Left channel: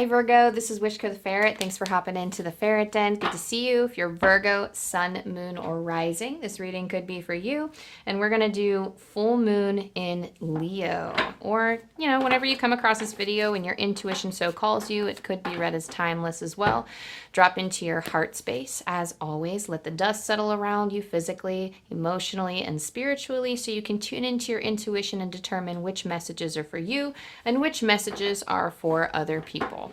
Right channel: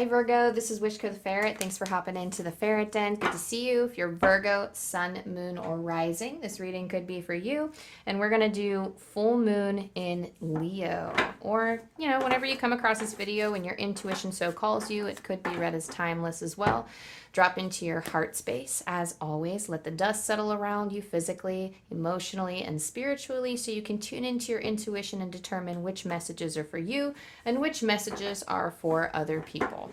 Hi Virgo, this is Wishko the Ferret. Thanks for hopping into the Ferret Den. Good to see you. If you're Virgo, Sun, Moon, or Rising, this reading could be for you. And we're going to do full moon in Leo. Or, you know, whenever you come across this video and your intuition so calls you, it could be read as timeless as well. Drop into your heart space. As always, let the dust settle around you physically, emotionally, and spiritually so you can tune into your intuition and determine which messages are for you and which messages are for other people.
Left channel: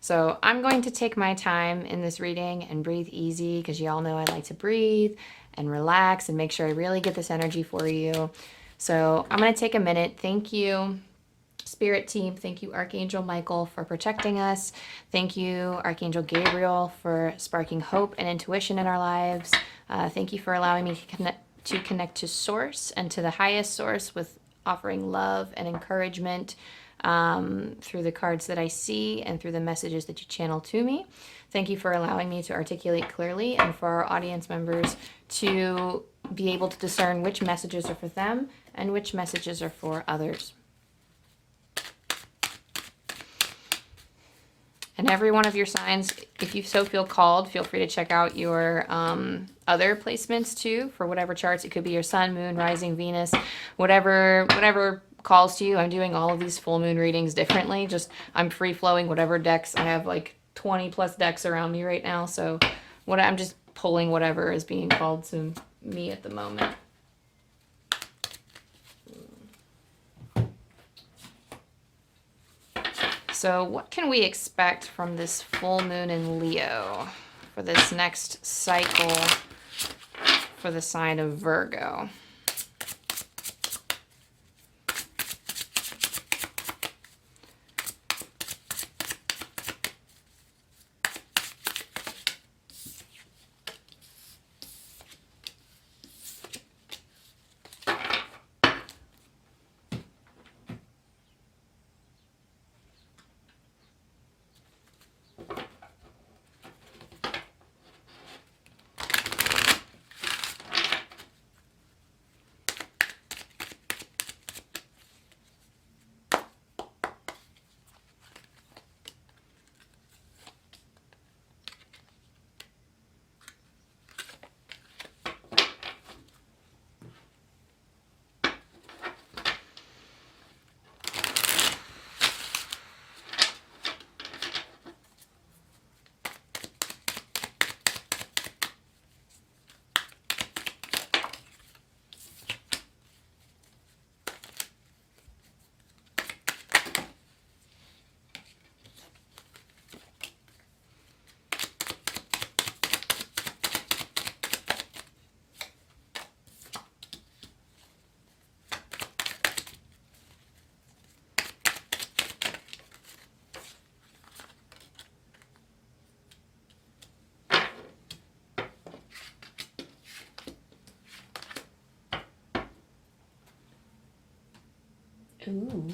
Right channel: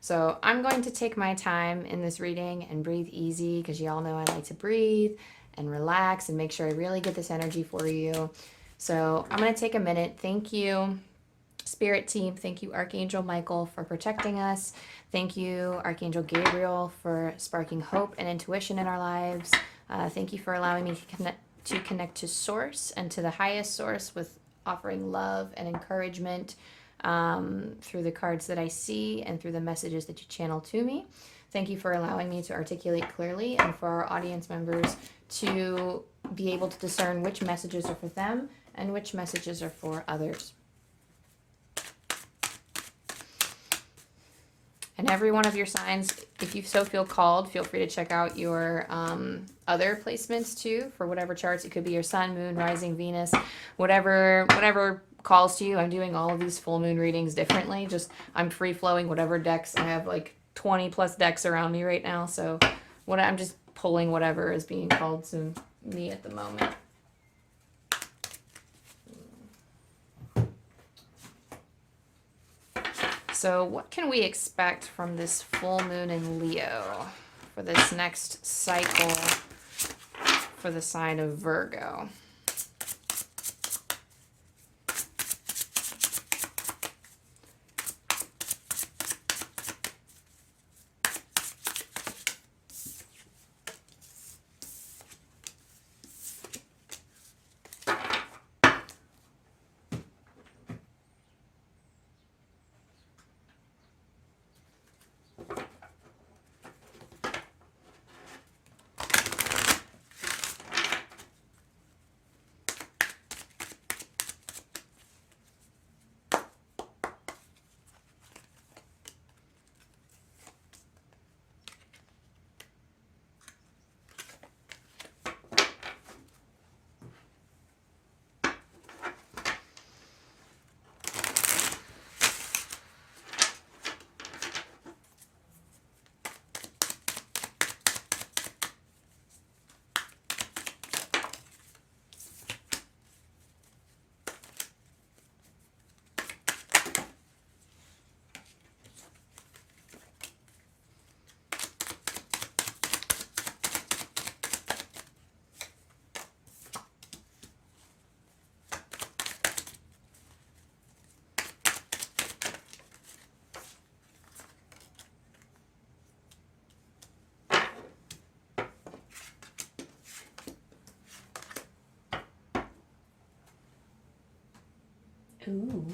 So I'm going to take my time in this reading and breathe easy because you all know I like to breathe and relax and make sure I really get this energy for you. So I'm going to take a minute. Thank you, Spirit team. Thank you, Archangel Michael, for protecting us. Thank you, Archangel Gabriel, for sparking hope and intuition in our lives. Thank you for allowing me to connect to Source and to the highest source with offering love and encouragement through the cards that I see and through the messages that you channel to me. Thank you for allowing me to articulate clearly and for our audience members to be able to discern which messages are for them and which messages are for others. And every one of your signs, if you so feel called, feel free to check out your other placements too for whatever charts. It could be your sun, moon, rising, Venus, whatever calls to you. I'm doing all of these full moon readings differently. Just I'm free flowing whatever decks. I have like 20 plus decks around me right now. So I'm just pulling whatever is being called to me at the moment. So what can we expect from this full moon in Leo for this next cycle for the sign of Virgo? Ooh.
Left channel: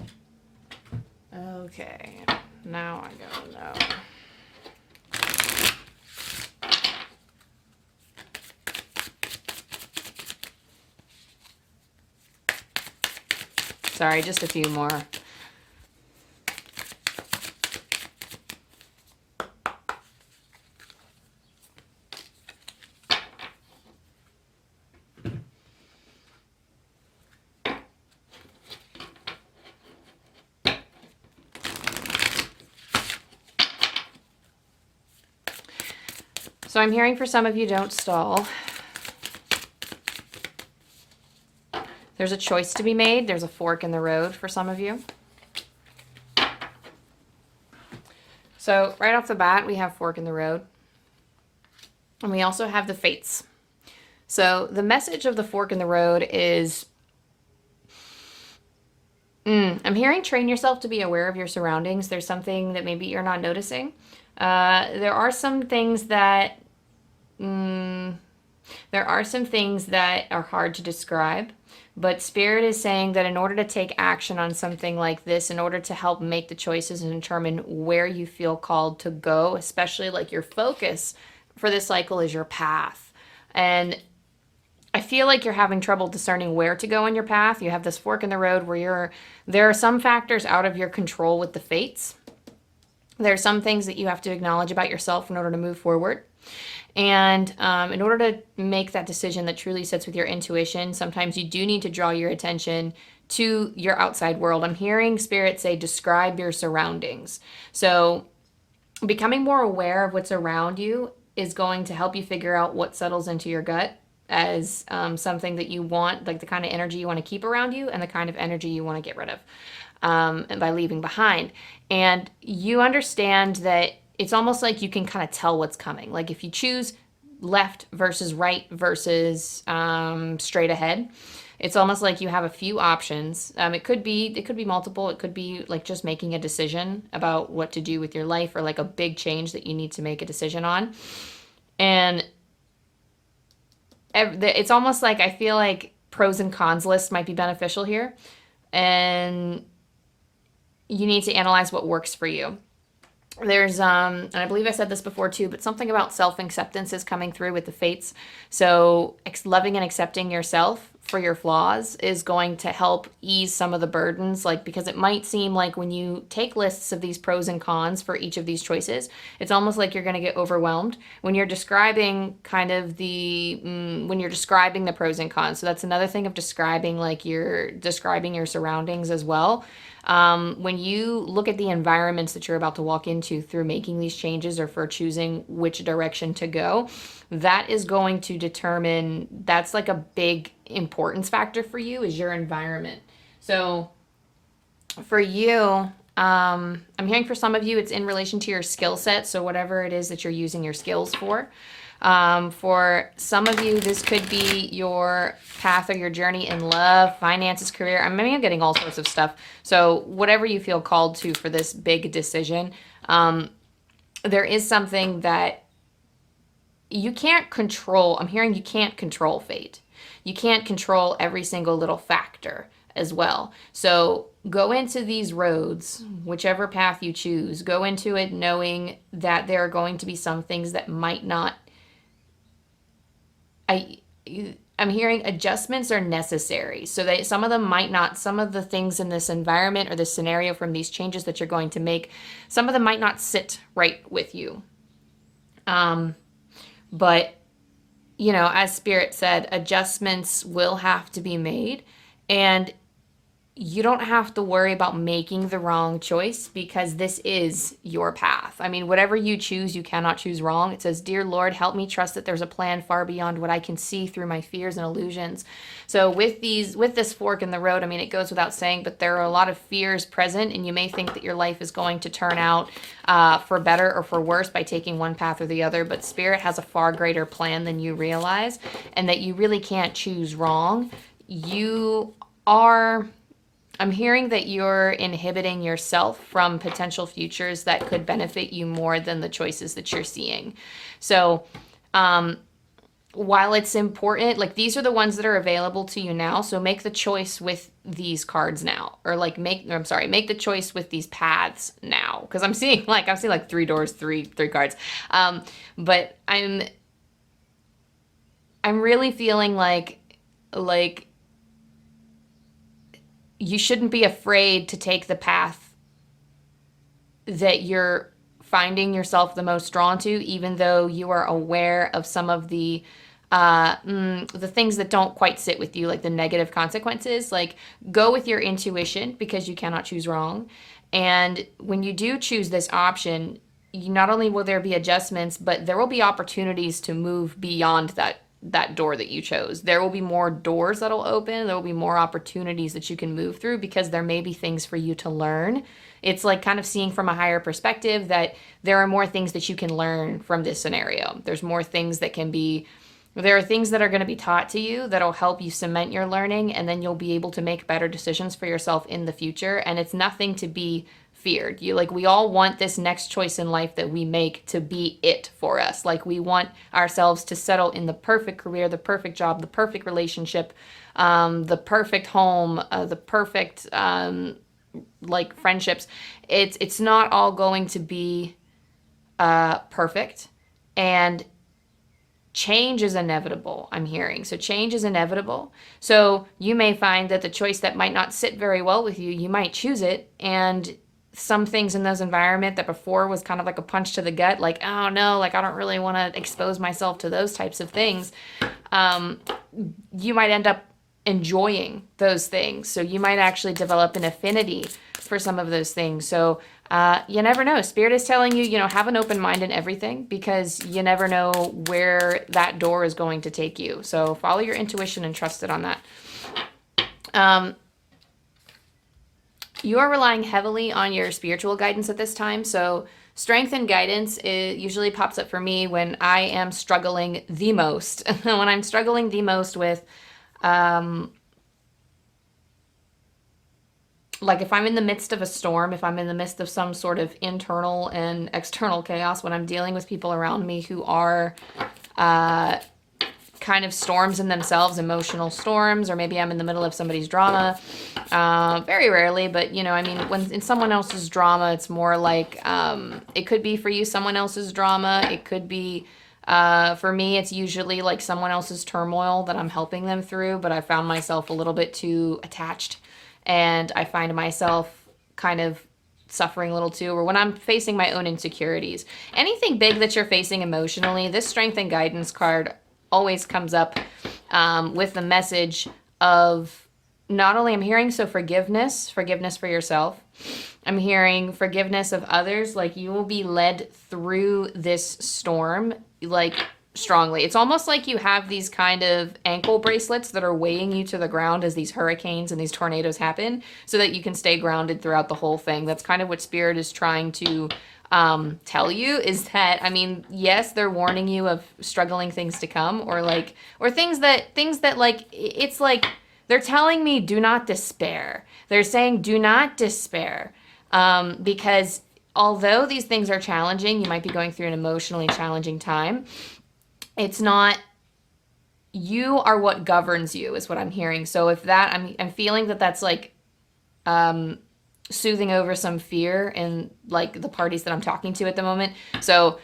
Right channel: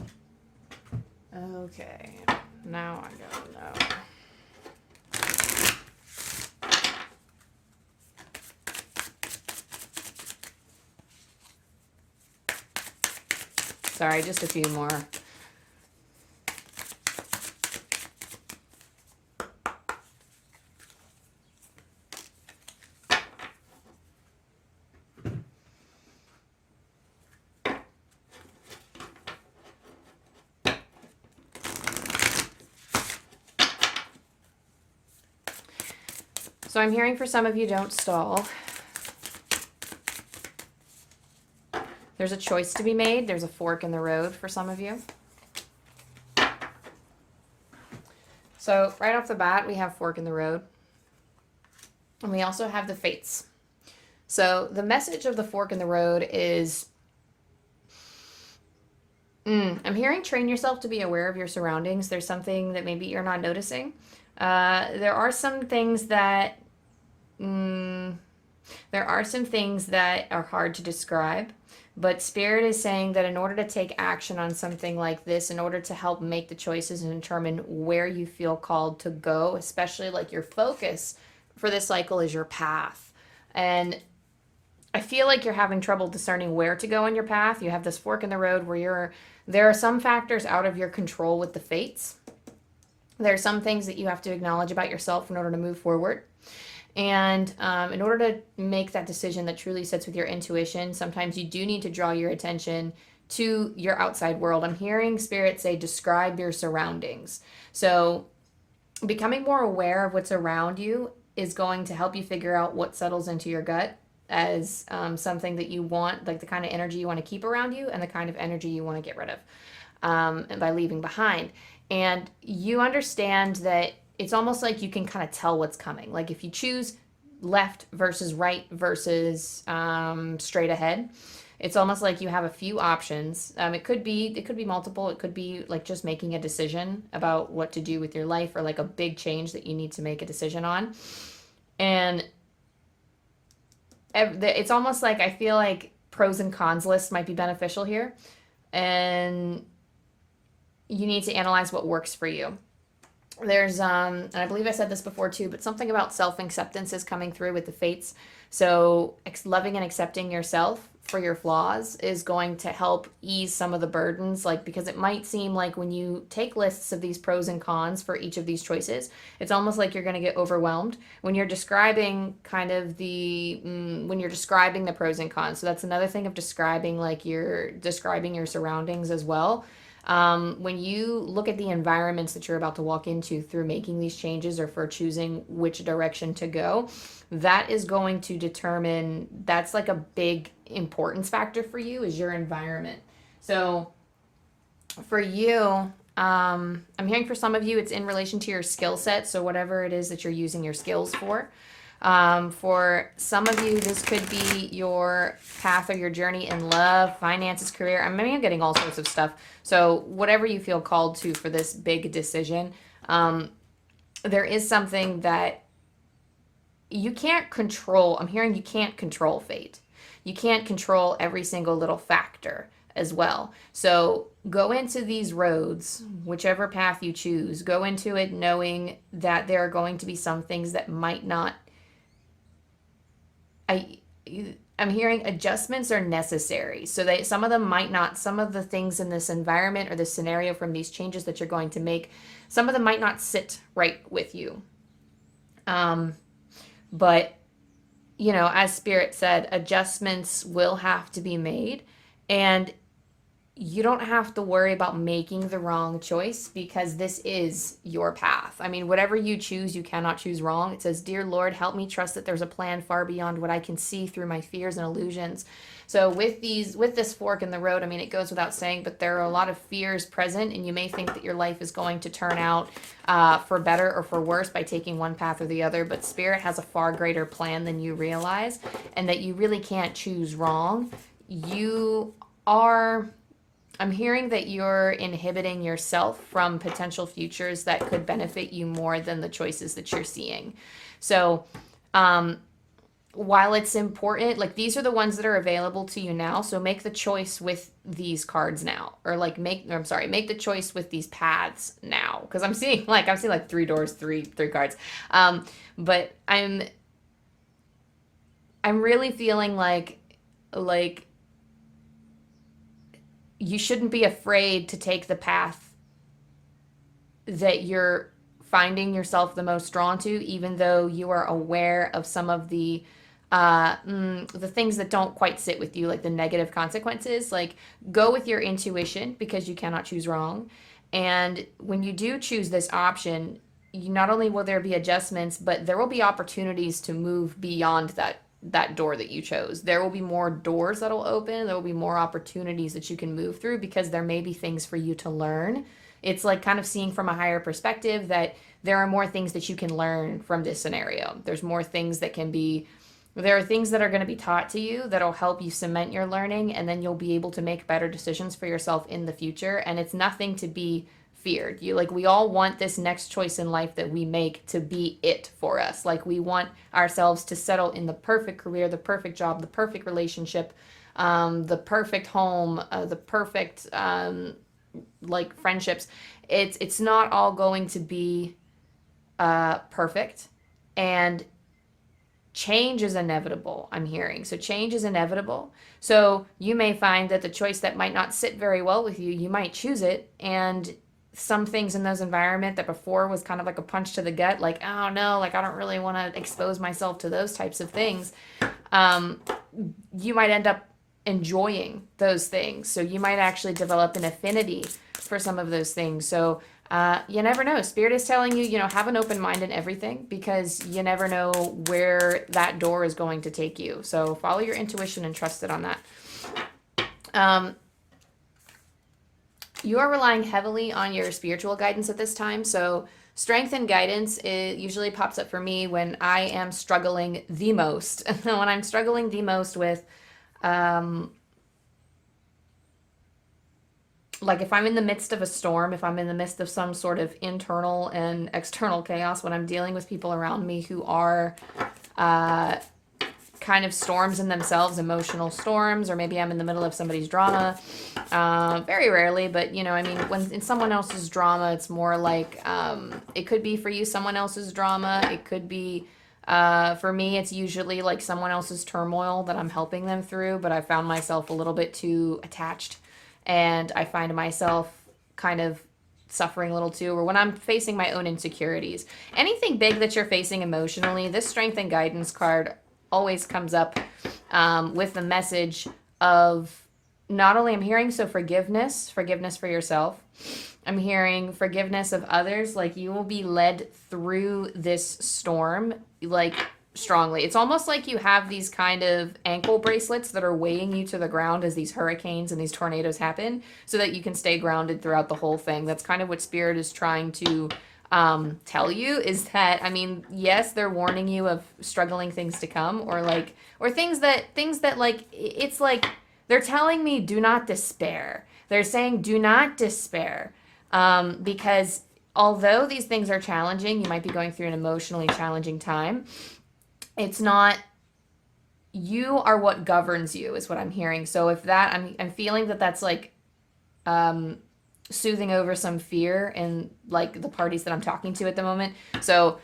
Okay. Now I don't know. Sorry, just a few more. So I'm hearing for some of you, don't stall. There's a choice to be made. There's a fork in the road for some of you. So right off the bat, we have fork in the road. And we also have the fates. So the message of the fork in the road is, I'm hearing train yourself to be aware of your surroundings. There's something that maybe you're not noticing. There are some things that are hard to describe, but Spirit is saying that in order to take action on something like this, in order to help make the choices and determine where you feel called to go, especially like your focus for this cycle is your path. And I feel like you're having trouble discerning where to go on your path. You have this fork in the road where there are some factors out of your control with the fates. There are some things that you have to acknowledge about yourself in order to move forward. And in order to make that decision that truly sits with your intuition, sometimes you do need to draw your attention to your outside world. I'm hearing Spirit say, describe your surroundings. So becoming more aware of what's around you is going to help you figure out what settles into your gut as something that you want, like the kind of energy you want to keep around you and the kind of energy you want to get rid of and by leaving behind. And you understand that it's almost like you can kind of tell what's coming. Like if you choose left versus right versus straight ahead, it's almost like you have a few options. It could be multiple. It could be like just making a decision about what to do with your life, or like a big change that you need to make a decision on. And it's almost like I feel like pros and cons list might be beneficial here, and you need to analyze what works for you. There's and I believe I said this before too, but something about self-acceptance is coming through with the fates. So loving and accepting yourself for your flaws is going to help ease some of the burdens, like, because it might seem like when you take lists of these pros and cons for each of these choices, it's almost like you're going to get overwhelmed when you're describing kind of when you're describing the pros and cons. So that's another thing of describing, like you're describing your surroundings as well. When you look at the environments that you're about to walk into through making these changes or for choosing which direction to go, that is going to determine, that's like a big importance factor for you, is your environment. So for you, I'm hearing for some of you, it's in relation to your skill set. So whatever it is that you're using your skills for. For some of you, this could be your path or your journey in love, finances, career. I'm getting all sorts of stuff. So whatever you feel called to for this big decision, there is something that you can't control. I'm hearing you can't control fate. You can't control every single little factor as well. So go into these roads, whichever path you choose, go into it knowing that there are going to be some things that might not, I'm hearing adjustments are necessary. So that some of them might not, some of the things in this environment or this scenario from these changes that you're going to make, some of them might not sit right with you. But, as Spirit said, adjustments will have to be made, and you don't have to worry about making the wrong choice, because this is your path. Whatever you choose, you cannot choose wrong. It says, "Dear Lord, help me trust that there's a plan far beyond what I can see through my fears and illusions." So with this fork in the road, it goes without saying, but there are a lot of fears present, and you may think that your life is going to turn out for better or for worse by taking one path or the other, but Spirit has a far greater plan than you realize, and that you really can't choose wrong. I'm hearing that you're inhibiting yourself from potential futures that could benefit you more than the choices that you're seeing. So, while it's important, like, these are the ones that are available to you now. So make the choice with these cards now, or make the choice with these paths now. Cause I'm seeing like 3 doors, three cards. But I'm really feeling like you shouldn't be afraid to take the path that you're finding yourself the most drawn to, even though you are aware of some of the things that don't quite sit with you, like the negative consequences. Like, go with your intuition, because you cannot choose wrong. And when you do choose this option, not only will there be adjustments, but there will be opportunities to move beyond that door that you chose. There will be more doors that'll open. There will be more opportunities that you can move through, because there may be things for you to learn. It's like kind of seeing from a higher perspective that there are more things that you can learn from this scenario. There are things that are going to be taught to you that'll help you cement your learning, and then you'll be able to make better decisions for yourself in the future. And it's nothing to be feared. We all want this next choice in life that we make to be it for us. Like, we want ourselves to settle in the perfect career, the perfect job, the perfect relationship, the perfect home, the perfect friendships. It's not all going to be perfect, and change is inevitable, I'm hearing. So change is inevitable. So you may find that the choice that might not sit very well with you, you might choose it, and some things in those environment that before was kind of like a punch to the gut, like, oh no, like I don't really want to expose myself to those types of things. You might end up enjoying those things. So you might actually develop an affinity for some of those things. So you never know. Spirit is telling you, you know, have an open mind in everything, because you never know where that door is going to take you. So follow your intuition and trust it on that. You are relying heavily on your spiritual guidance at this time. So strength and guidance usually pops up for me when I am struggling the most. When I'm struggling the most with, like if I'm in the midst of a storm, if I'm in the midst of some sort of internal and external chaos, when I'm dealing with people around me who are kind of storms in themselves, emotional storms, or maybe I'm in the middle of somebody's drama. Very rarely, but you know, I mean, when in someone else's drama, it's more like it could be for you someone else's drama. It could be for me, it's usually like someone else's turmoil that I'm helping them through, but I found myself a little bit too attached, and I find myself kind of suffering a little too, or when I'm facing my own insecurities. Anything big that you're facing emotionally, this strength and guidance card always comes up with the message of, not only I'm hearing, so forgiveness for yourself. I'm hearing forgiveness of others. Like you will be led through this storm, like strongly. It's almost like you have these kind of ankle bracelets that are weighing you to the ground as these hurricanes and these tornadoes happen, so that you can stay grounded throughout the whole thing. That's kind of what Spirit is trying to tell you, is that, I mean, yes, they're warning you of struggling things to come, or things that like, it's like they're telling me do not despair. They're saying do not despair, because although these things are challenging, you might be going through an emotionally challenging time. It's not, you are what governs you, is what I'm hearing. So if that, I'm feeling that that's like soothing over some fear in like the parties that I'm talking to at the moment. So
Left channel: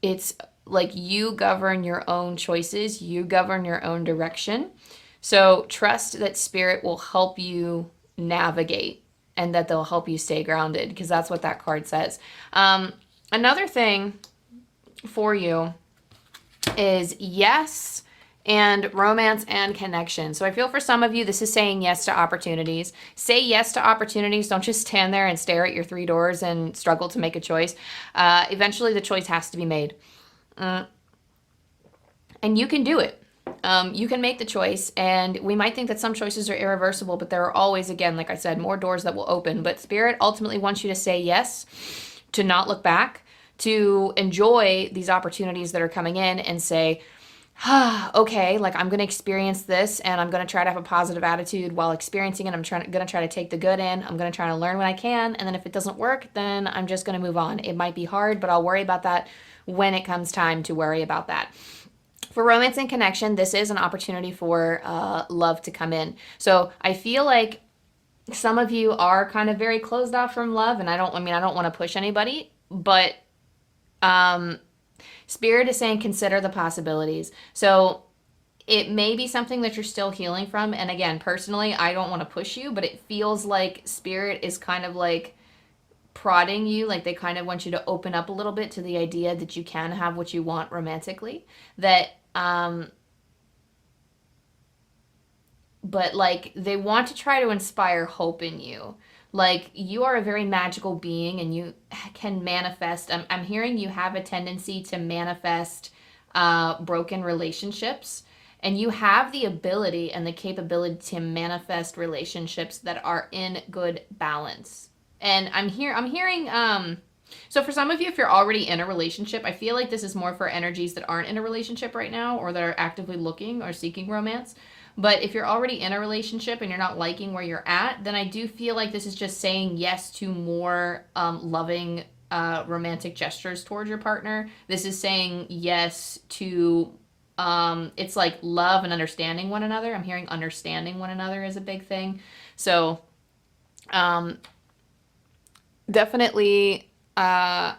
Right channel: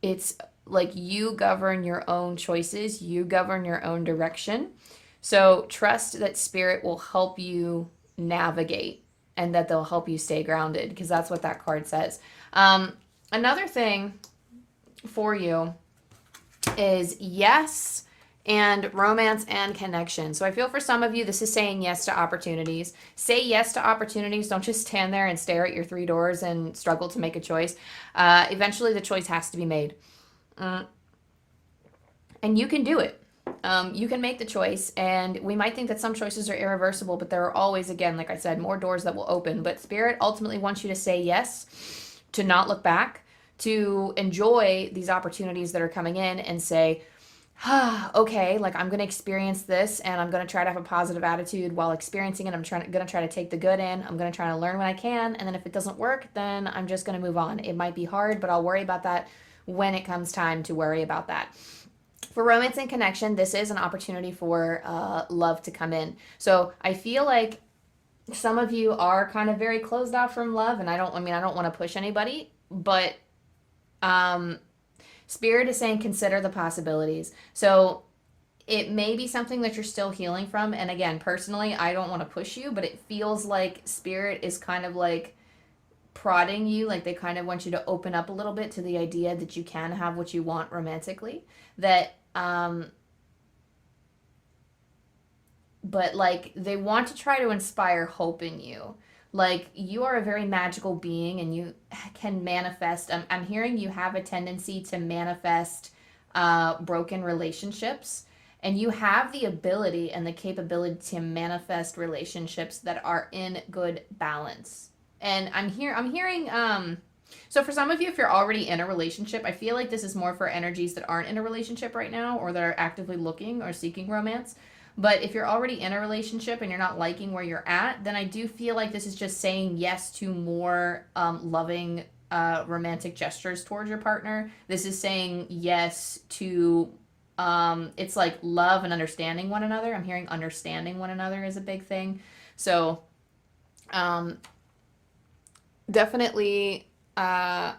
it's like you govern your own choices, you govern your own direction. So trust that Spirit will help you navigate, and that they'll help you stay grounded, because that's what that card says. Another thing for you is yes and romance and connection. So I feel for some of you, this is saying yes to opportunities. Say yes to opportunities. Don't just stand there and stare at your 3 doors and struggle to make a choice. Eventually the choice has to be made. And you can do it. You can make the choice, and we might think that some choices are irreversible, but there are always, again, like I said, more doors that will open. But Spirit ultimately wants you to say yes, to not look back, to enjoy these opportunities that are coming in, and say, okay, like I'm going to experience this, and I'm going to try to have a positive attitude while experiencing it. I'm going to try to take the good in. I'm going to try to learn what I can. And then if it doesn't work, then I'm just going to move on. It might be hard, but I'll worry about that when it comes time to worry about that. For romance and connection, this is an opportunity for love to come in. So I feel like some of you are kind of very closed off from love, and I don't want to push anybody, but Spirit is saying consider the possibilities. So it may be something that you're still healing from. And again, personally, I don't want to push you, but it feels like Spirit is kind of like prodding you, like they kind of want you to open up a little bit to the idea that you can have what you want romantically. That but like they want to try to inspire hope in you. Like you are a very magical being, and you can manifest. I'm hearing you have a tendency to manifest broken relationships, and you have the ability and the capability to manifest relationships that are in good balance. And I'm hearing so for some of you, if you're already in a relationship, I feel like this is more for energies that aren't in a relationship right now, or that are actively looking or seeking romance. But if you're already in a relationship and you're not liking where you're at, then I do feel like this is just saying yes to more loving romantic gestures towards your partner. This is saying yes to, it's like love and understanding one another. I'm hearing understanding one another is a big thing. So definitely for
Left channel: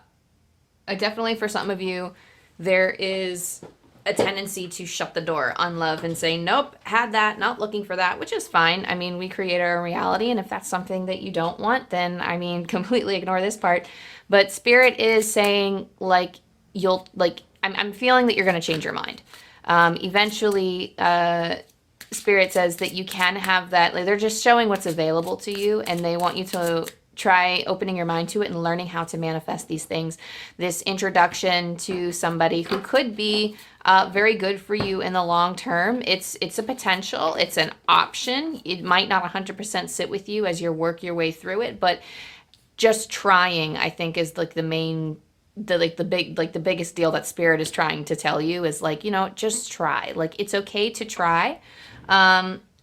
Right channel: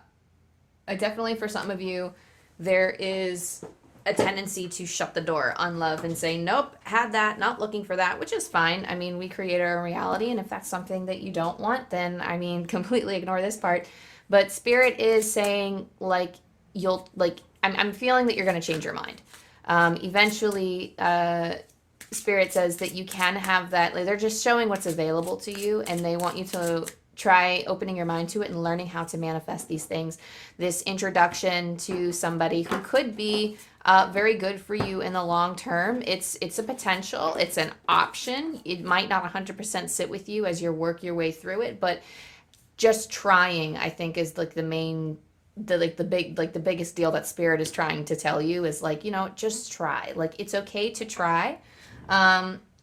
some of you, there is a tendency to shut the door on love and say, nope, had that, not looking for that, which is fine. I mean, we create our reality, and if that's something that you don't want, then I mean, completely ignore this part. But Spirit is saying, like, I'm feeling that you're going to change your mind. Eventually, Spirit says that you can have that. Like, they're just showing what's available to you, and they want you to try opening your mind to it and learning how to manifest these things. This introduction to somebody who could be very good for you in the long term. It's a potential. It's an option. It might not 100% sit with you as you work your way through it, but just trying, I think, is like the main, the biggest deal that Spirit is trying to tell you is, like, you know, just try. Like, it's okay to try.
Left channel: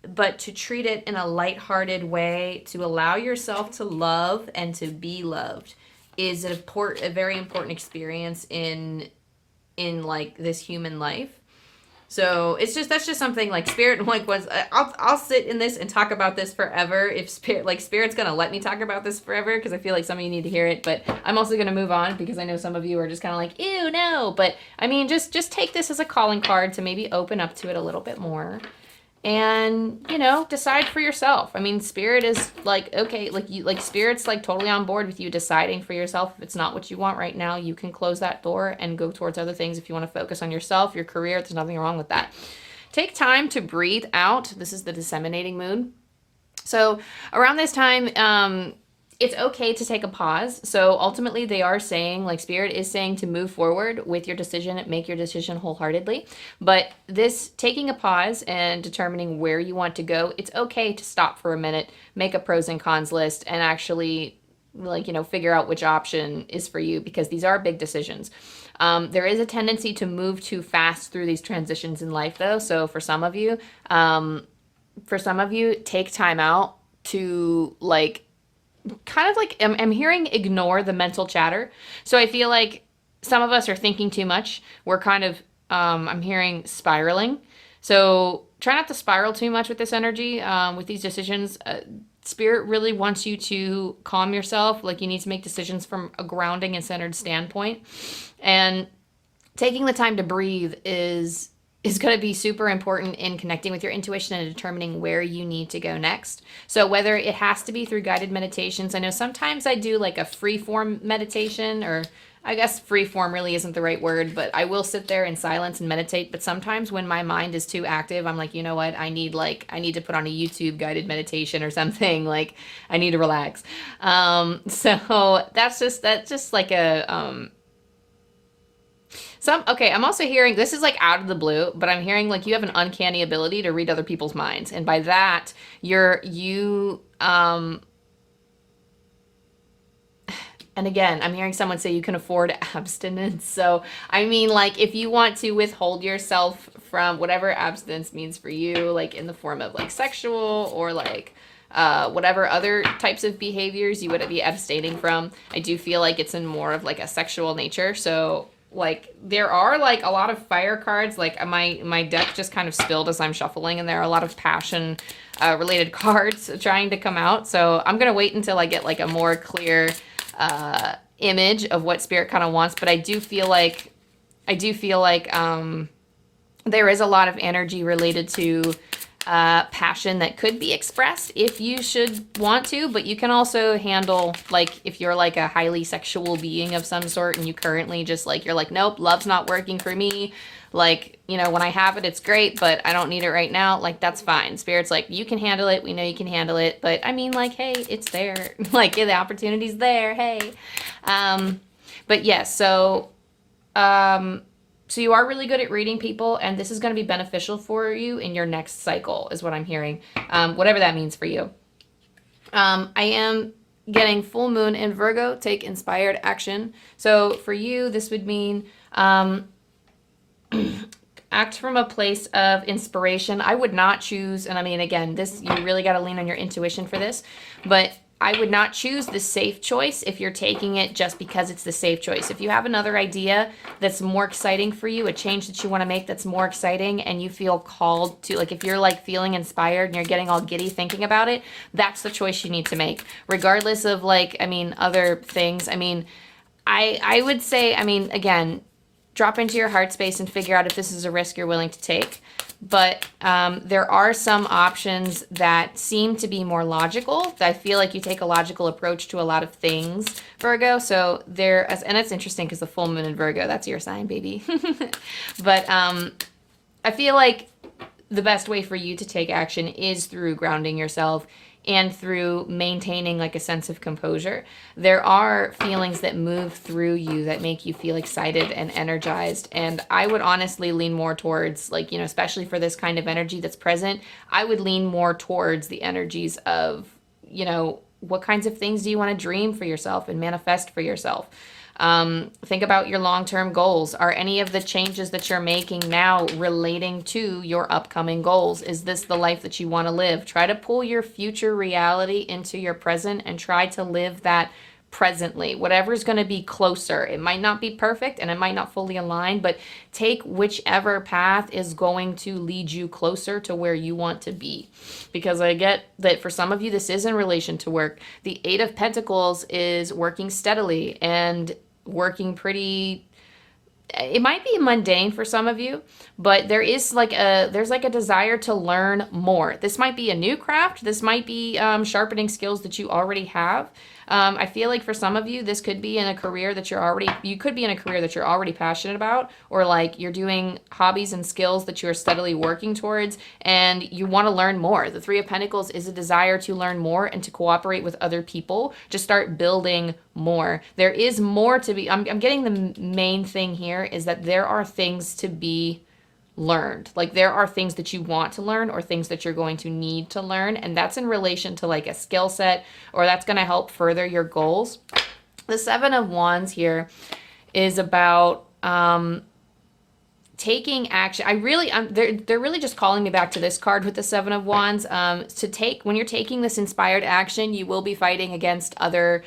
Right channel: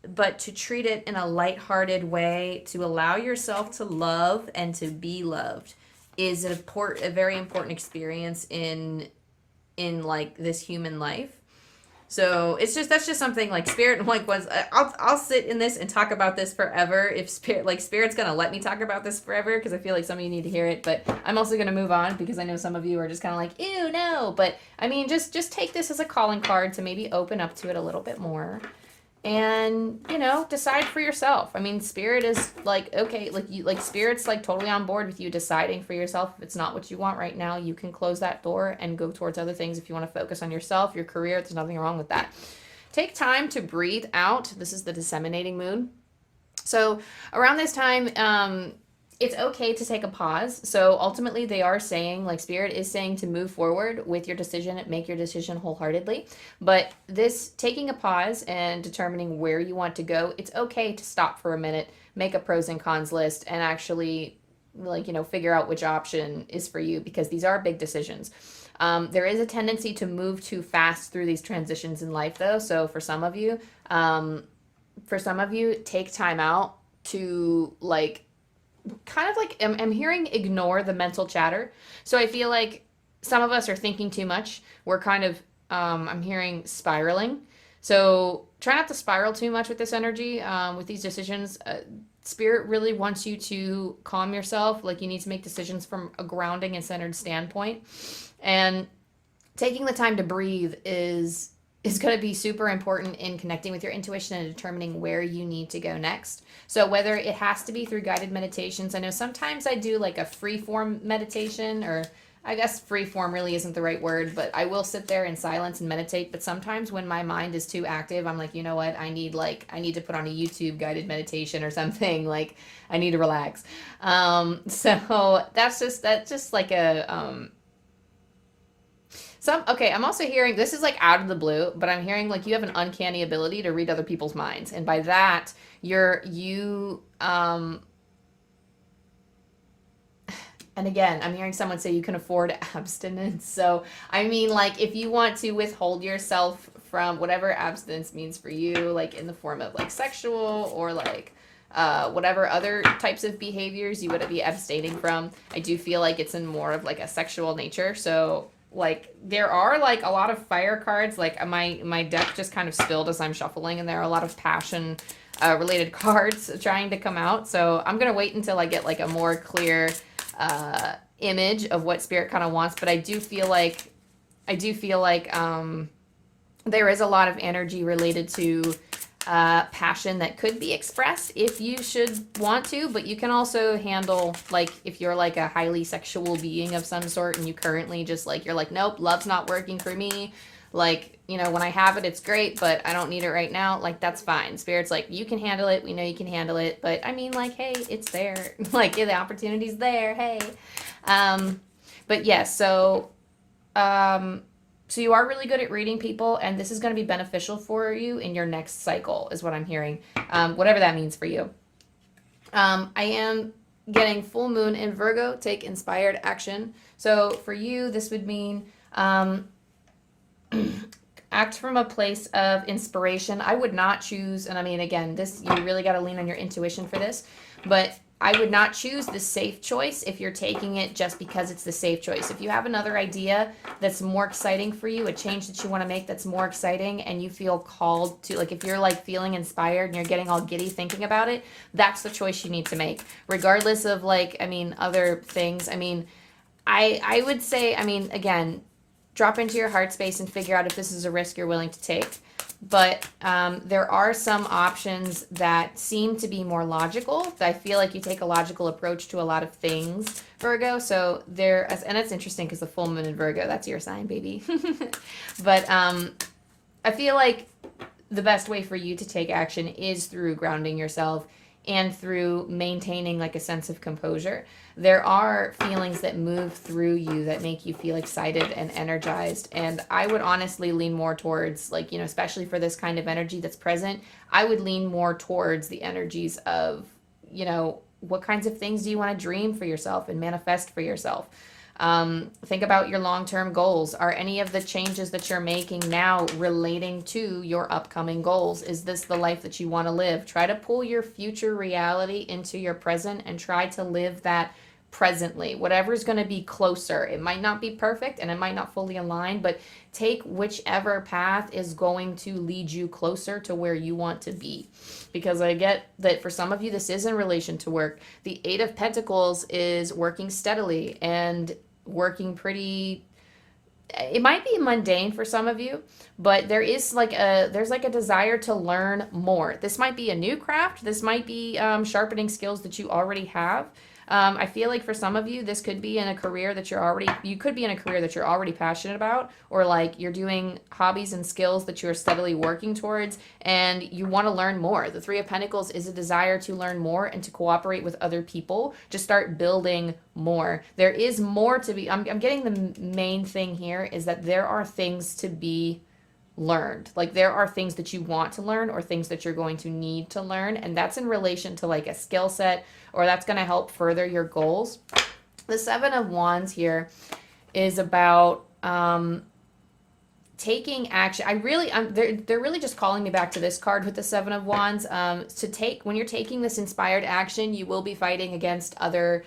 But to treat it in a lighthearted way, to allow yourself to love and to be loved is a very important experience in like this human life. So that's just something like Spirit, like, was, I'll sit in this and talk about this forever if Spirit's gonna let me talk about this forever, because I feel like some of you need to hear it, but I'm also gonna move on because I know some of you are just kind of like, ew, no. But I mean, just take this as a calling card to maybe open up to it a little bit more. And, you know, decide for yourself. I mean, Spirit is like, okay, Spirit's like totally on board with you deciding for yourself. If it's not what you want right now, you can close that door and go towards other things. If you want to focus on yourself, your career, there's nothing wrong with that. Take time to breathe out. This is the disseminating moon. So around this time, it's okay to take a pause. So ultimately they are saying, like, Spirit is saying to move forward with your decision, make your decision wholeheartedly. But this taking a pause and determining where you want to go, it's okay to stop for a minute, make a pros and cons list, and actually, like, you know, figure out which option is for you, because these are big decisions. There is a tendency to move too fast through these transitions in life, though. So for some of you, take time out to, like, kind of like, I'm hearing ignore the mental chatter. So I feel like some of us are thinking too much. We're kind of, I'm hearing spiraling. So try not to spiral too much with this energy, with these decisions. Spirit really wants you to calm yourself. Like, you need to make decisions from a grounding and centered standpoint. And taking the time to breathe is going to be super important in connecting with your intuition and determining where you need to go next. So whether it has to be through guided meditations, I know sometimes I do like a free form meditation, or I guess free form really isn't the right word, but I will sit there in silence and meditate. But sometimes when my mind is too active, I'm like, you know what? I need to put on a YouTube guided meditation or something. Like, I need to relax. So that's just like a, okay, I'm also hearing, this is like out of the blue, but I'm hearing like you have an uncanny ability to read other people's minds. And by that, and again, I'm hearing someone say you can afford abstinence. So, I mean, like, if you want to withhold yourself from whatever abstinence means for you, like in the form of like sexual or like whatever other types of behaviors you would be abstaining from, I do feel like it's in more of like a sexual nature. So, like, there are like a lot of fire cards. Like, my deck just kind of spilled as I'm shuffling, and there are a lot of passion related cards trying to come out. So I'm gonna wait until I get like a more clear image of what Spirit kind of wants. But I do feel like there is a lot of energy related to passion that could be expressed if you should want to, but you can also handle, like, if you're like a highly sexual being of some sort and you currently just like, you're like, nope, love's not working for me. Like, you know, when I have it, it's great, but I don't need it right now. Like, that's fine. Spirit's like, you can handle it. We know you can handle it. But I mean, like, hey, it's there. Like, yeah, the opportunity's there. Hey. But yes, so you are really good at reading people, and this is going to be beneficial for you in your next cycle, is what I'm hearing, whatever that means for you. I am getting full moon in Virgo. Take inspired action. So for you, this would mean act from a place of inspiration. I would not choose, and I mean, again, this, you really got to lean on your intuition for this, but I would not choose the safe choice if you're taking it just because it's the safe choice. If you have another idea that's more exciting for you, a change that you want to make that's more exciting, and you feel called to, like, if you're like feeling inspired and you're getting all giddy thinking about it, that's the choice you need to make. Regardless of, like, I mean, other things. I mean, I would say, I mean, again, drop into your heart space and figure out if this is a risk you're willing to take. But there are some options that seem to be more logical. I feel like you take a logical approach to a lot of things, Virgo. So and that's interesting because the full moon in Virgo, that's your sign, baby. But I feel like the best way for you to take action is through grounding yourself and through maintaining like a sense of composure. There are feelings that move through you that make you feel excited and energized. And I would honestly lean more towards, like, you know, especially for this kind of energy that's present, I would lean more towards the energies of, you know, what kinds of things do you want to dream for yourself and manifest for yourself? Think about your long-term goals. Are any of the changes that you're making now relating to your upcoming goals? Is this the life that you want to live? Try to pull your future reality into your present and try to live that presently. Whatever's going to be closer. It might not be perfect and it might not fully align, but take whichever path is going to lead you closer to where you want to be. Because I get that for some of you, this is in relation to work. The Eight of Pentacles is working steadily and working pretty, it might be mundane for some of you, but there's like a desire to learn more. This might be a new craft. This might be sharpening skills that you already have. I feel like for some of you, this could be in a career that you could be in a career that you're already passionate about, or like you're doing hobbies and skills that you're steadily working towards and you want to learn more. The Three of Pentacles is a desire to learn more and to cooperate with other people, to start building more. There is more to be, I'm getting the main thing here is that there are things to be learned. Like there are things that you want to learn or things that you're going to need to learn, and that's in relation to like a skill set, or that's going to help further your goals. The Seven of Wands here is about taking action. They're really just calling me back to this card with the Seven of Wands. When you're taking this inspired action, you will be fighting against other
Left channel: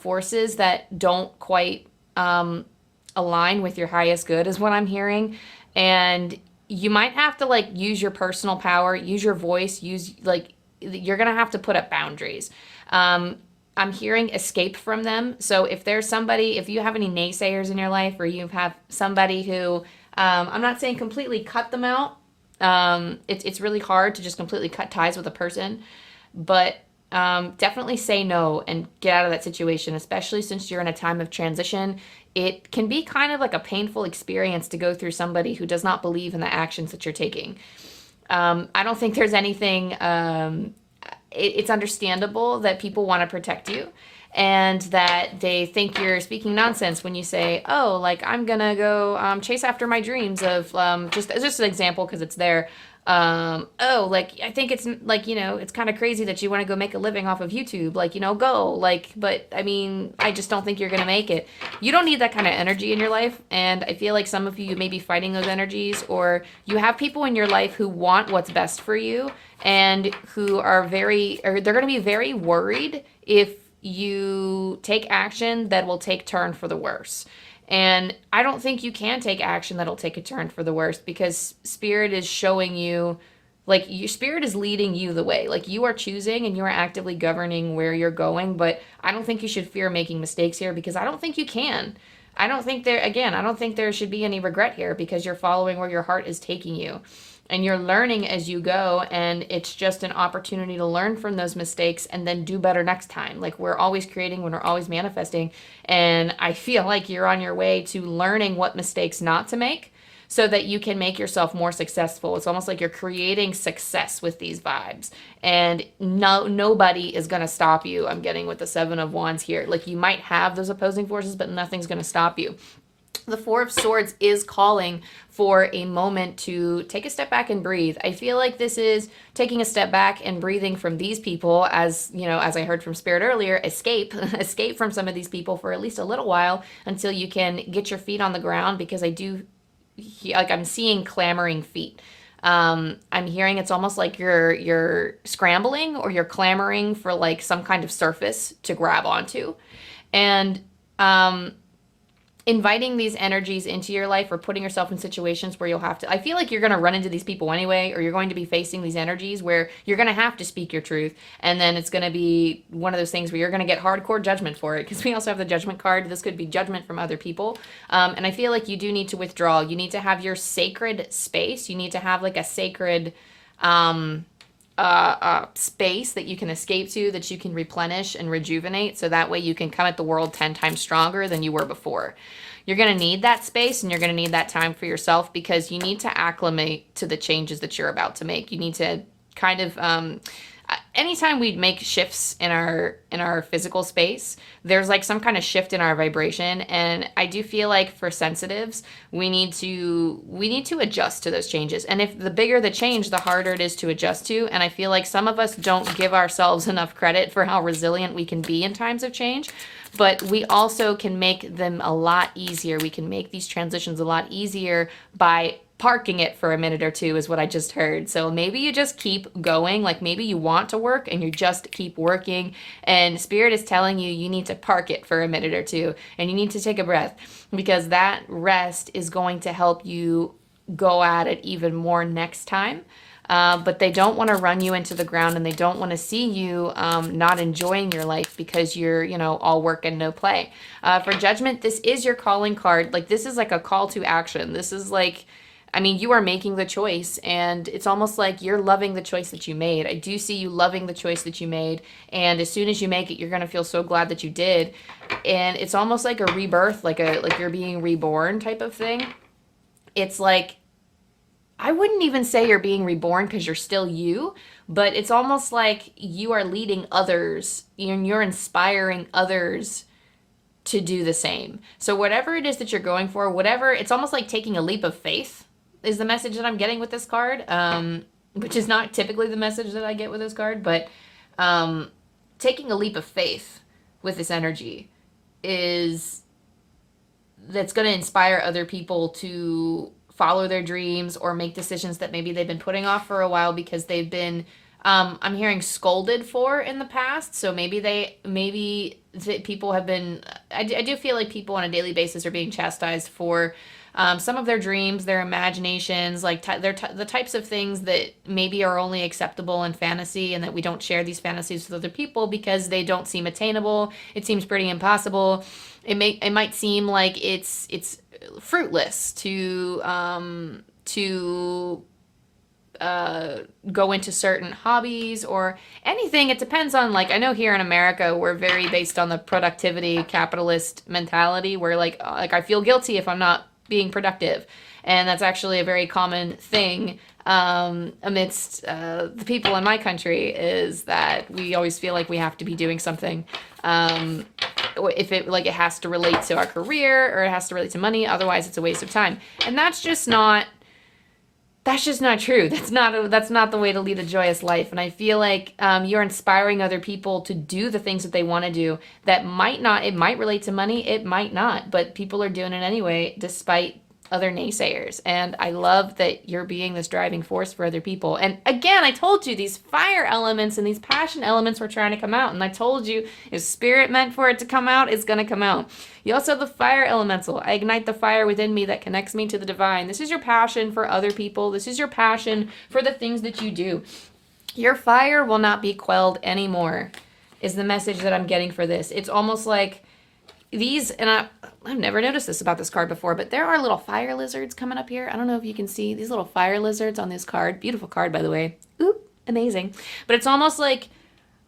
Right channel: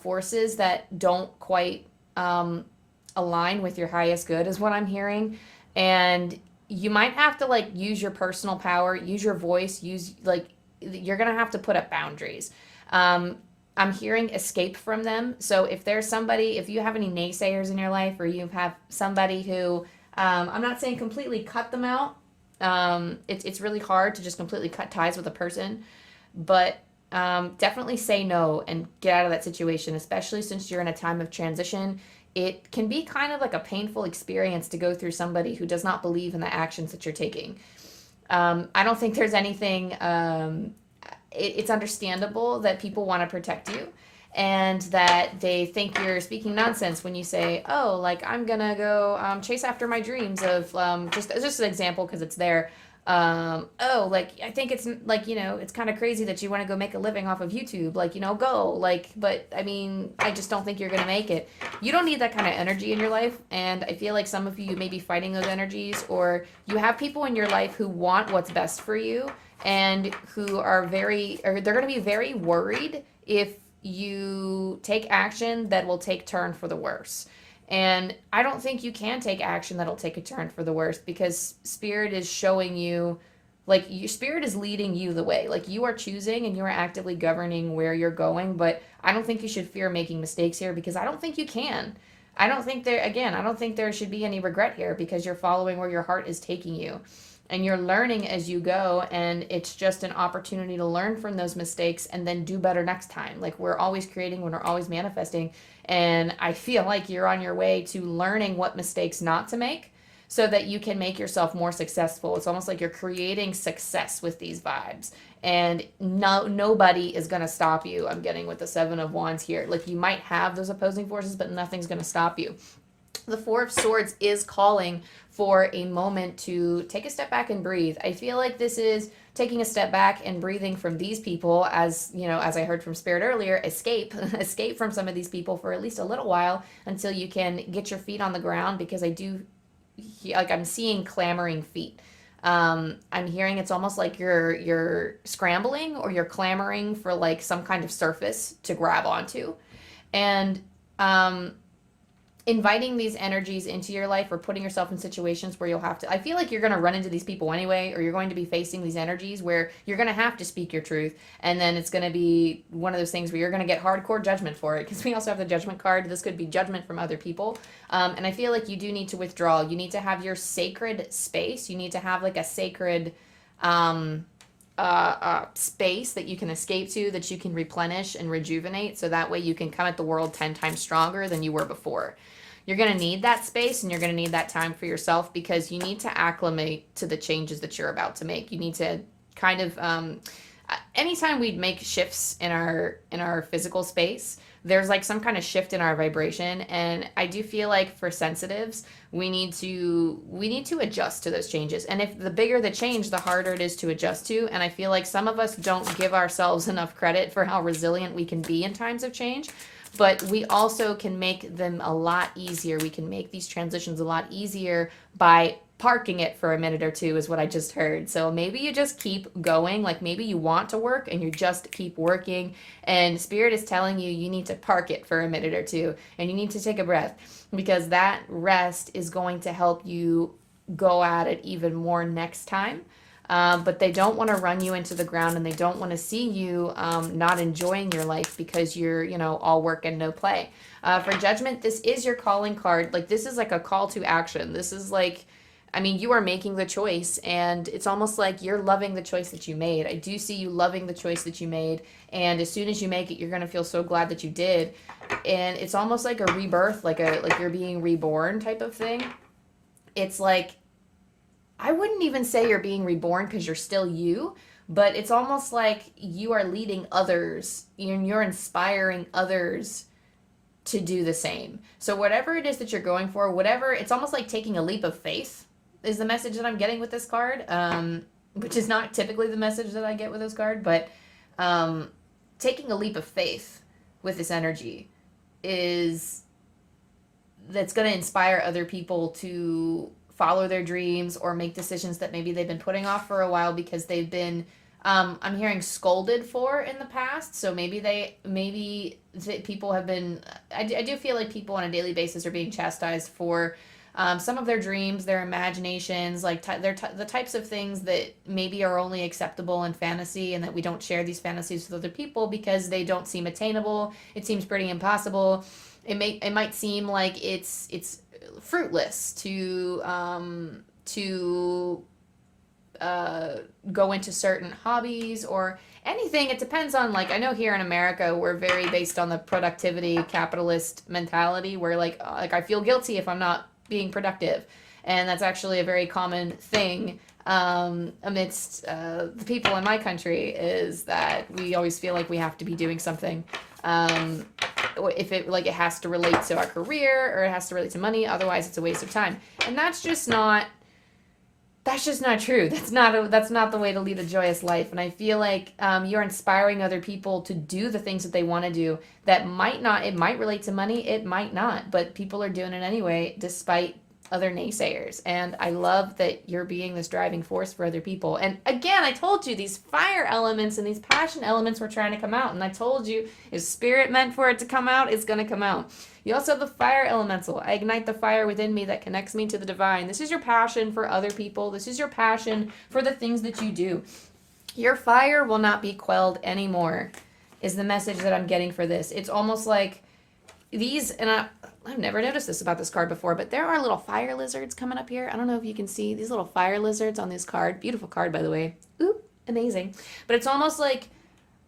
forces that don't quite align with your highest good, is what I'm hearing. And you might have to like use your personal power, use your voice, you're going to have to put up boundaries. I'm hearing escape from them. So if you have any naysayers in your life, or you have somebody who, I'm not saying completely cut them out. It's really hard to just completely cut ties with a person, but definitely say no and get out of that situation, especially since you're in a time of transition. It can be kind of like a painful experience to go through somebody who does not believe in the actions that you're taking. I don't think there's anything, it's understandable that people want to protect you and that they think you're speaking nonsense when you say, oh, like I'm going to go chase after my dreams of, just an example because it's there. Oh, like, I think it's like, you know, it's kind of crazy that you want to go make a living off of YouTube, like, you know, go, like, but I mean, I just don't think you're going to make it. You don't need that kind of energy in your life. And I feel like some of you may be fighting those energies, or you have people in your life who want what's best for you and who are they're going to be very worried if you take action that will take turn for the worse. And I don't think you can take action that'll take a turn for the worst, because Spirit is showing you, like, your Spirit is leading you the way. Like, you are choosing and you are actively governing where you're going, but I don't think you should fear making mistakes here, because I don't think you can. I don't think there should be any regret here, because you're following where your heart is taking you. And you're learning as you go, and it's just an opportunity to learn from those mistakes and then do better next time. Like, we're always creating when we're always manifesting, and I feel like you're on your way to learning what mistakes not to make so that you can make yourself more successful. It's almost like you're creating success with these vibes, and nobody is going to stop you. I'm getting with the Seven of Wands here. Like, you might have those opposing forces, but nothing's going to stop you. The Four of Swords is calling for a moment to take a step back and breathe. I feel like this is taking a step back and breathing from these people, as you know, as I heard from Spirit earlier, escape from some of these people for at least a little while until you can get your feet on the ground, because I'm seeing clamoring feet. I'm hearing it's almost like you're scrambling, or you're clamoring for like some kind of surface to grab onto. And inviting these energies into your life or putting yourself in situations where you'll have to, I feel like you're going to run into these people anyway, or you're going to be facing these energies where you're going to have to speak your truth. And then it's going to be one of those things where you're going to get hardcore judgment for it, because we also have the judgment card. This could be judgment from other people. And I feel like you do need to withdraw. You need to have your sacred space. You need to have like a sacred space that you can escape to, that you can replenish and rejuvenate, so that way you can come at the world 10 times stronger than you were before. You're going to need that space, and you're going to need that time for yourself, because you need to acclimate to the changes that you're about to make. You need to kind of anytime we make shifts in our physical space, there's like some kind of shift in our vibration, and I do feel like for sensitives, we need to adjust to those changes. And if the bigger the change, the harder it is to adjust to. And I feel like some of us don't give ourselves enough credit for how resilient we can be in times of change. But we also can make them a lot easier. We can make these transitions a lot easier by parking it for a minute or two, is what I just heard. So maybe you just keep going. Like maybe you want to work and you just keep working, and Spirit is telling you you need to park it for a minute or two, and you need to take a breath, because that rest is going to help you go at it even more next time. But they don't want to run you into the ground, and they don't want to see you not enjoying your life because you're, all work and no play. For Judgment, this is your calling card. Like this is like a call to action. This is like, you are making the choice, and it's almost like you're loving the choice that you made. I do see you loving the choice that you made, and as soon as you make it, you're going to feel so glad that you did. And it's almost like a rebirth, like you're being reborn type of thing. It's like, I wouldn't even say you're being reborn because you're still you, but it's almost like you are leading others and you're inspiring others to do the same. So whatever it is that you're going for, it's almost like taking a leap of faith is the message that I'm getting with this card, which is not typically the message that I get with this card, but taking a leap of faith with this energy that's going to inspire other people to follow their dreams or make decisions that maybe they've been putting off for a while because they've been, I'm hearing, scolded for in the past. So maybe people have been, I do feel like people on a daily basis are being chastised for some of their dreams, their imaginations, like the types of things that maybe are only acceptable in fantasy, and that we don't share these fantasies with other people because they don't seem attainable. It seems pretty impossible. It might seem like it's fruitless to go into certain hobbies or anything. It depends on, like, I know here in America we're very based on the productivity capitalist mentality, where like I feel guilty if I'm not being productive, and that's actually a very common thing amidst the people in my country, is that we always feel like we have to be doing something. If it has to relate to our career or it has to relate to money, otherwise it's a waste of time. And that's just not true. That's not the way to lead a joyous life. And I feel like you're inspiring other people to do the things that they want to do. It might relate to money, it might not, but people are doing it anyway, despite other naysayers. And I love that you're being this driving force for other people. And again, I told you these fire elements and these passion elements were trying to come out. And I told you if Spirit meant for it to come out, it's going to come out. You also have the fire elemental. I ignite the fire within me that connects me to the divine. This is your passion for other people. This is your passion for the things that you do. Your fire will not be quelled anymore, is the message that I'm getting for this. It's almost like these, and I've never noticed this about this card before, but there are little fire lizards coming up here. I don't know if you can see these little fire lizards on this card. Beautiful card, by the way. Ooh, amazing. But it's almost like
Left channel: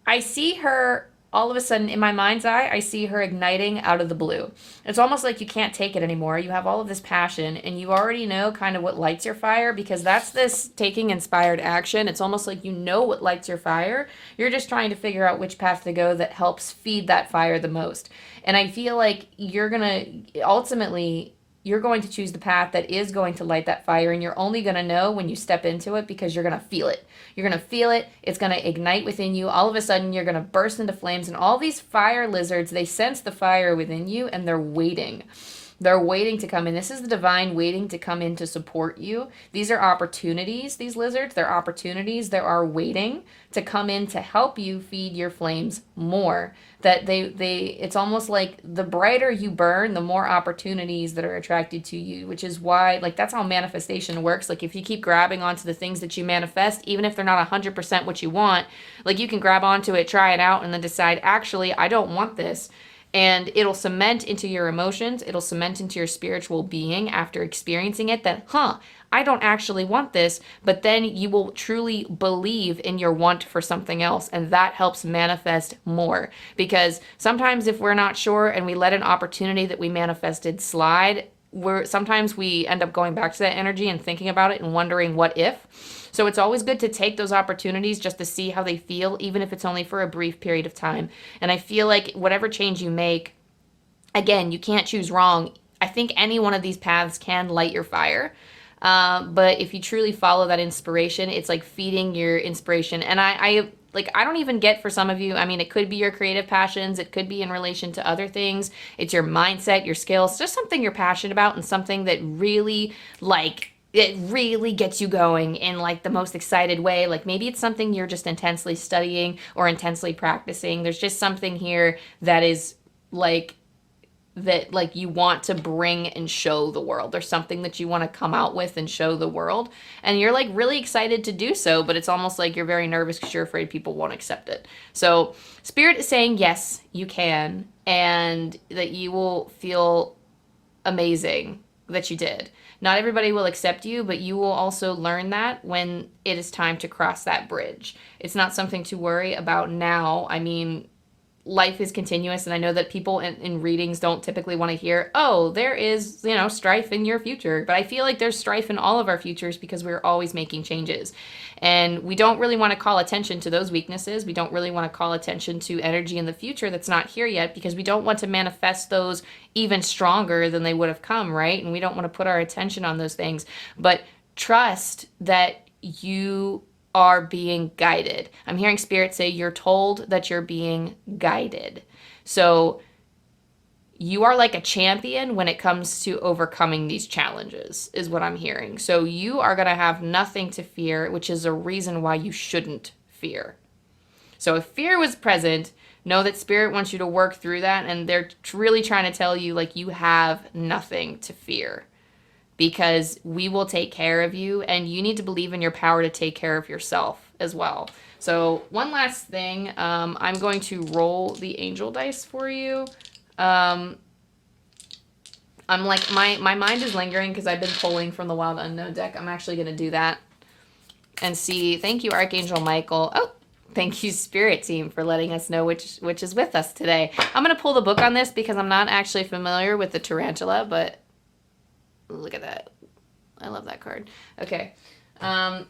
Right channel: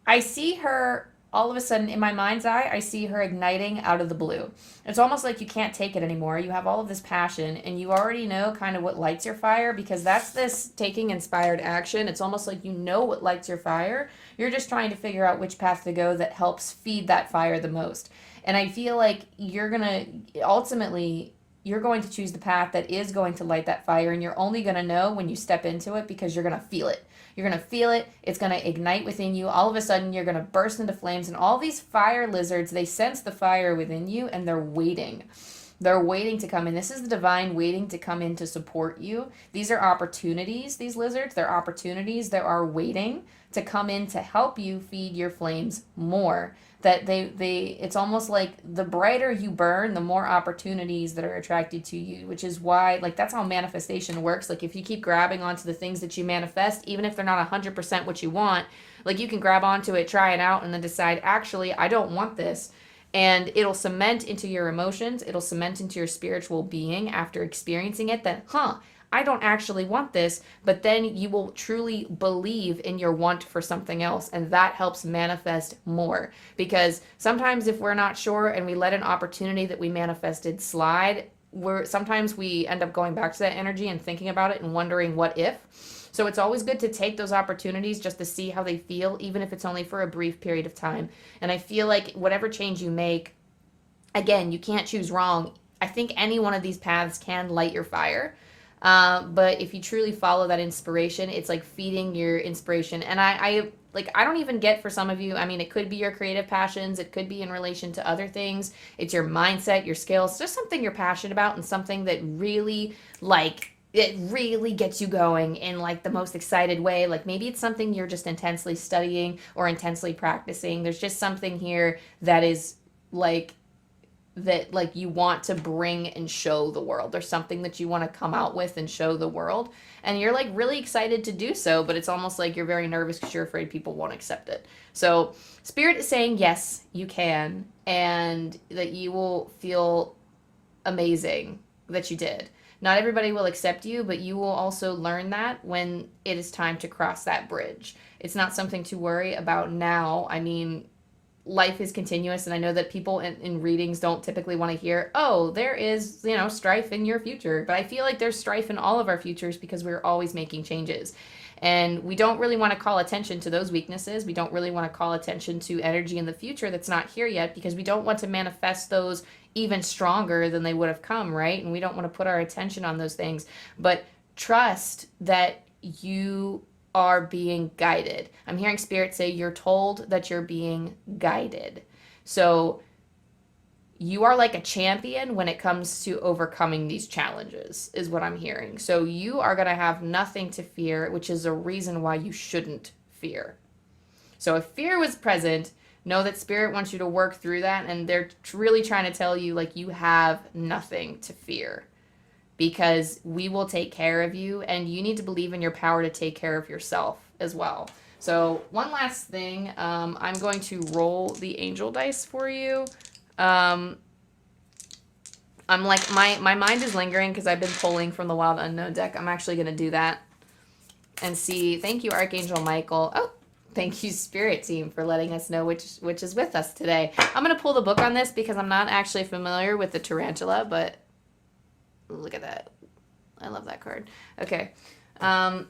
I see her all of a sudden in my mind's eye. I see her igniting out of the blue. It's almost like you can't take it anymore. You have all of this passion, and you already know kind of what lights your fire, because that's this taking inspired action. It's almost like you know what lights your fire. You're just trying to figure out which path to go that helps feed that fire the most. And I feel like you're going to choose the path that is going to light that fire, and you're only going to know when you step into it, because you're going to feel it. You're going to feel it. It's going to ignite within you. All of a sudden, you're going to burst into flames, and all these fire lizards, they sense the fire within you, and they're waiting. They're waiting to come in. This is the divine waiting to come in to support you. These are opportunities, these lizards. They're opportunities. They are waiting to come in to help you feed your flames more. That it's almost like the brighter you burn, the more opportunities that are attracted to you, which is why, like, that's how manifestation works. Like, if you keep grabbing onto the things that you manifest, even if they're not 100% what you want, like, you can grab onto it, try it out, and then decide, actually, I don't want this. And it'll cement into your emotions, it'll cement into your spiritual being after experiencing it that, I don't actually want this, but then you will truly believe in your want for something else, and that helps manifest more. Because sometimes if we're not sure and we let an opportunity that we manifested slide, sometimes we end up going back to that energy and thinking about it and wondering what if. So it's always good to take those opportunities just to see how they feel, even if it's only for a brief period of time. And I feel like whatever change you make, again, you can't choose wrong. I think any one of these paths can light your fire. But if you truly follow that inspiration, it's like feeding your inspiration. And I don't even get, for some of you, I mean, it could be your creative passions. It could be in relation to other things. It's your mindset, your skills, just something you're passionate about and something that really, like, it really gets you going in, like, the most excited way. Like, maybe it's something you're just intensely studying or intensely practicing. There's just something here that is that you want to bring and show the world. There's something that you want to come out with and show the world, and you're, like, really excited to do so, but it's almost like you're very nervous because you're afraid people won't accept it. So Spirit is saying yes, you can, and that you will feel amazing that you did. Not everybody will accept you, but you will also learn that when it is time to cross that bridge. It's not something to worry about now. I mean, life is continuous, and I know that people in readings don't typically want to hear, oh, there is, strife in your future. But I feel like there's strife in all of our futures because we're always making changes. And we don't really want to call attention to those weaknesses. We don't really want to call attention to energy in the future that's not here yet, because we don't want to manifest those even stronger than they would have come, right? And we don't want to put our attention on those things. But trust that you are being guided. I'm hearing Spirit say you're told that you're being guided. So you are like a champion when it comes to overcoming these challenges, is what I'm hearing. So you are going to have nothing to fear, which is a reason why you shouldn't fear. So if fear was present, know that Spirit wants you to work through that, and they're really trying to tell you, like, you have nothing to fear, because we will take care of you, and you need to believe in your power to take care of yourself as well. So one last thing, I'm going to roll the angel dice for you. I'm like, my mind is lingering because I've been pulling from the Wild Unknown deck. I'm actually going to do that and see. Thank you, Archangel Michael. Oh, thank you, Spirit Team, for letting us know which is with us today. I'm going to pull the book on this because I'm not actually familiar with the tarantula, but look at that. I love that card. Okay. So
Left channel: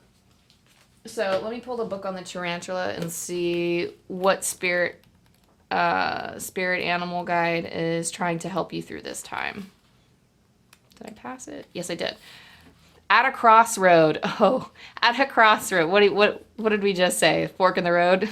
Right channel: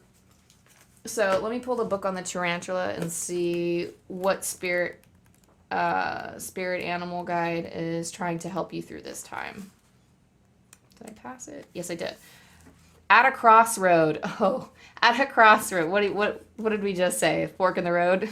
let me pull the book on the tarantula and see what spirit animal guide is trying to help you through this time. Did I pass it? Yes, I did. At a crossroad. Oh, at a crossroad. What did we just say? Fork in the road?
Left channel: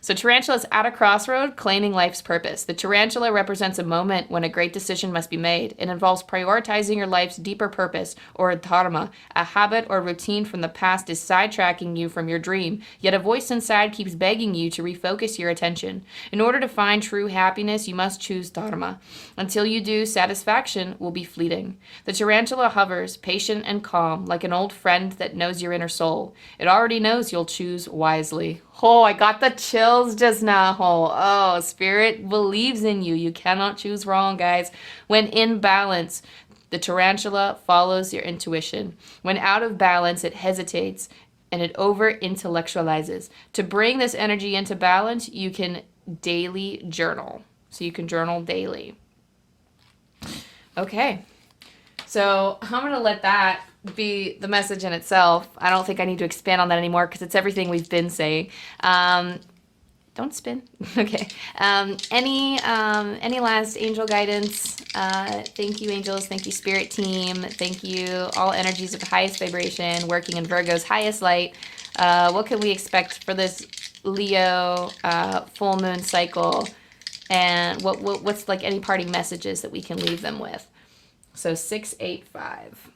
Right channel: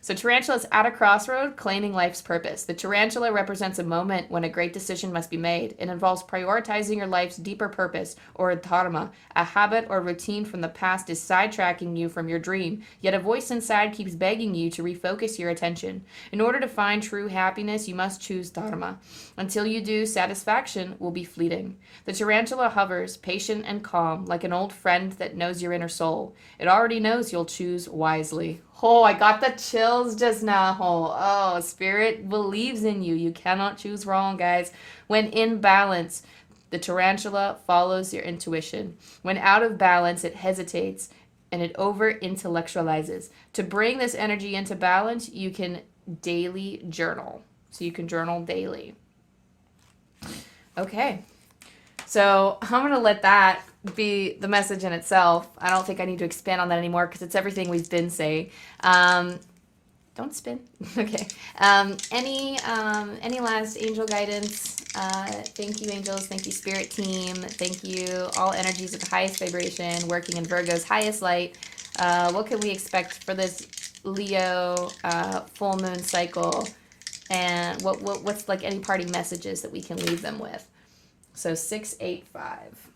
So tarantula is at a crossroad, claiming life's purpose. The tarantula represents a moment when a great decision must be made. It involves prioritizing your life's deeper purpose, or dharma. A habit or routine from the past is sidetracking you from your dream, yet a voice inside keeps begging you to refocus your attention. In order to find true happiness, you must choose dharma. Until you do, satisfaction will be fleeting. The tarantula hovers, patient and calm, like an old friend that knows your inner soul. It already knows you'll choose wisely. Oh, I got the chills just now. Oh, Spirit believes in you. You cannot choose wrong, guys. When in balance, the tarantula follows your intuition. When out of balance, it hesitates and it over-intellectualizes. To bring this energy into balance, you can daily journal. So you can journal daily. Okay. So I'm going to let that be the message in itself. I don't think I need to expand on that anymore because it's everything we've been saying. Don't spin. Okay. Any last angel guidance? Thank you, angels. Thank you, Spirit Team. Thank you, all energies of the highest vibration, working in Virgo's highest light. What can we expect for this Leo full moon cycle? And what's like any parting messages that we can leave them with? So 685.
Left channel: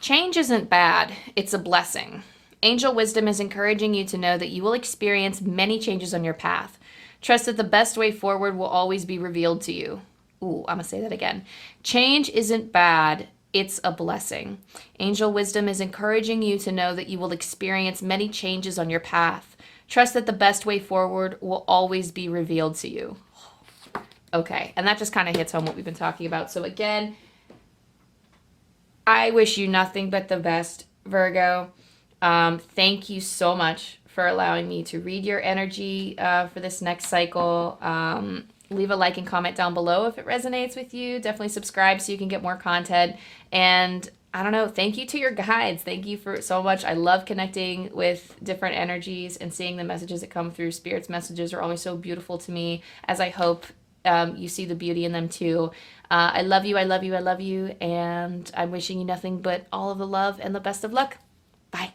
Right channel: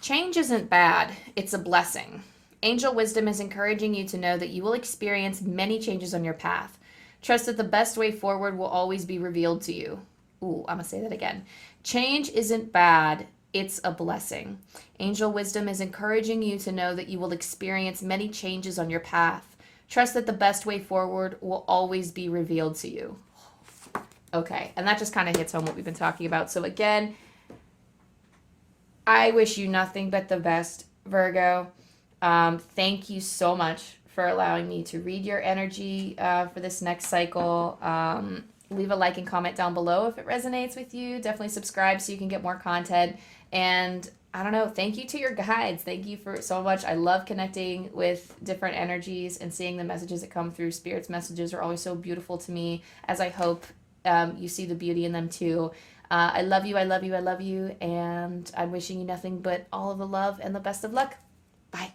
Change isn't bad, it's a blessing. Angel wisdom is encouraging you to know that you will experience many changes on your path. Trust that the best way forward will always be revealed to you. Ooh, I'm going to say that again. Change isn't bad, it's a blessing. Angel wisdom is encouraging you to know that you will experience many changes on your path. Trust that the best way forward will always be revealed to you. Okay, and that just kind of hits home what we've been talking about. So again, I wish you nothing but the best, Virgo. Thank you so much for allowing me to read your energy for this next cycle. Leave a like and comment down below if it resonates with you. Definitely subscribe so you can get more content. And I don't know, thank you to your guides. Thank you for so much. I love connecting with different energies and seeing the messages that come through. Spirit's messages are always so beautiful to me, as I hope you see the beauty in them too. I love you, I love you, I love you, and I'm wishing you nothing but all of the love and the best of luck. Bye.